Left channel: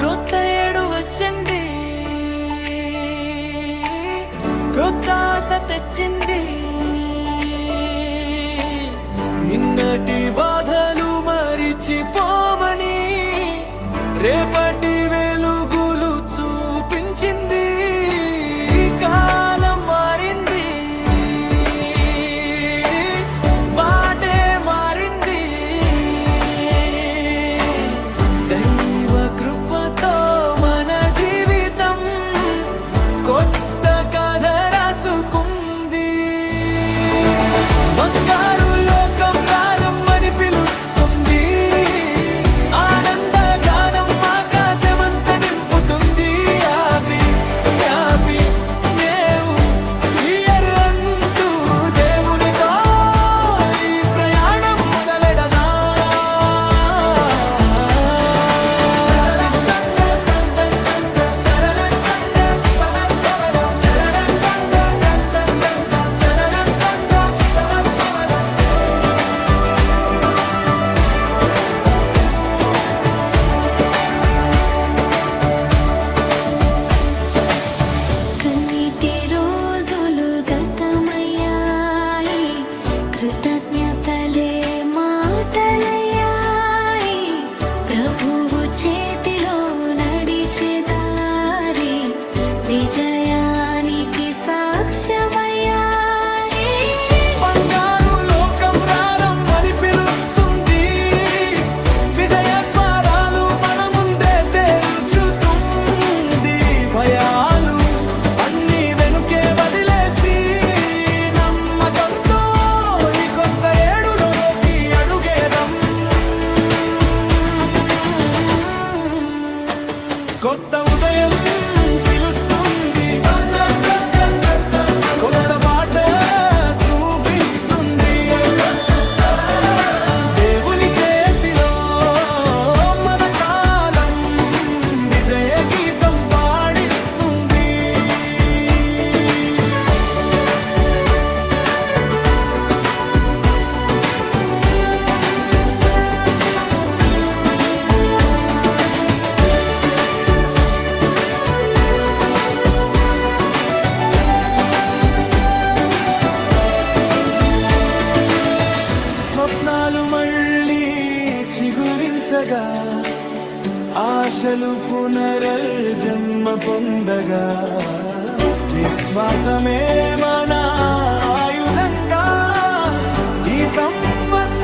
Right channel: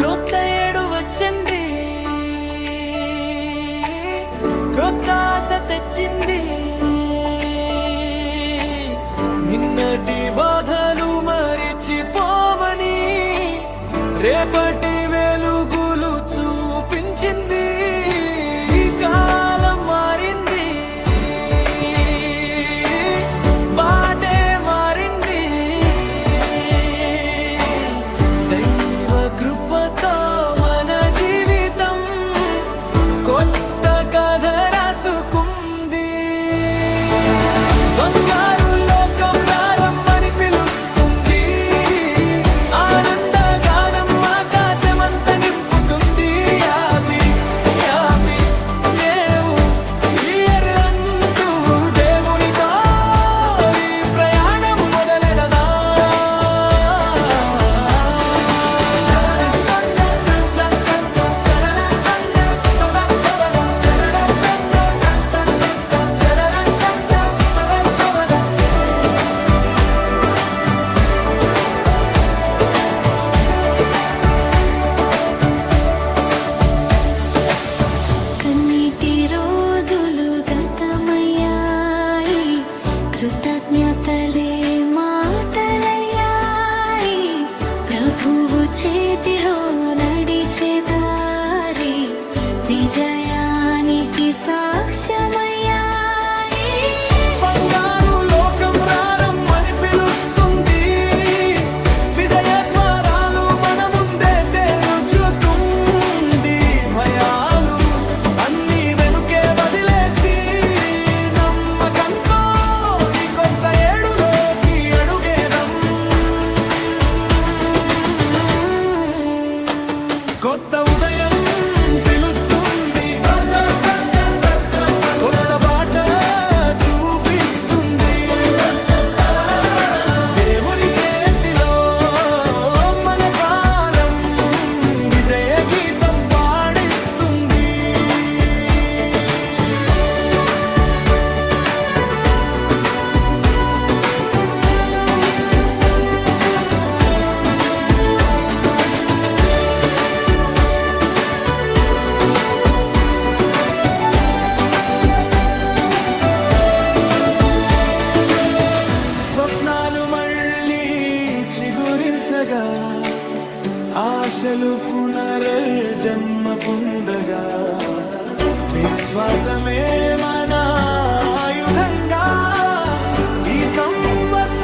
క్రొత్త ఏడు వచ్చింది, క్రొత్త ఆశ తెచ్చింది. నిన్నటి బాధలు మరిచిపోమని రేపటి వెలుగులు చూపించింది. కాలం మారింది, బాటే మారింది. దైవ కృపతో మన జీవితం కొత్త కథ రాసుకుంది. బంగారు లోకం ప్రారంభమని పిలుస్తుంది, ఆనంద గానం ఆకాశమంత నింపుతుంది. హ్యాపీ హ్యాపీ న్యూ ఇయర్ అంటూ దేవునితో ఈ ప్రయాణం మొదలెడదా. కన్నీటి రోజులు గతమయ్యాయి, కృతజ్ఞతలే మాటలయ్యాయి. ప్రభువు చేతిలో నడిచే దారి విజయానికి సాక్ష్యమయ్యాయి. బంగారు లోకం ప్రారంభమని పిలుస్తుంది, విజయ ద్వారాలు మన ముందే తెరుచుతుంది. భయాలు అన్ని వెనుకే వదిలేసి నమ్మకంతో ఈ కొత్త ఏడులోకి అడుగేదం. కొత్త ఉదయం పిలుస్తుంది, కొత్త బాట చూపిస్తుంది. దేవుని చేతిలో మన కాలం విజయ గీతం పాడిస్తుంది. స్వప్నాలు మళ్ళీ చిగురించగా, ఆశలు పునర్జన్మ పొందగా, విశ్వాసమే మన ఆయుధంగా ఈ సంవత్సరం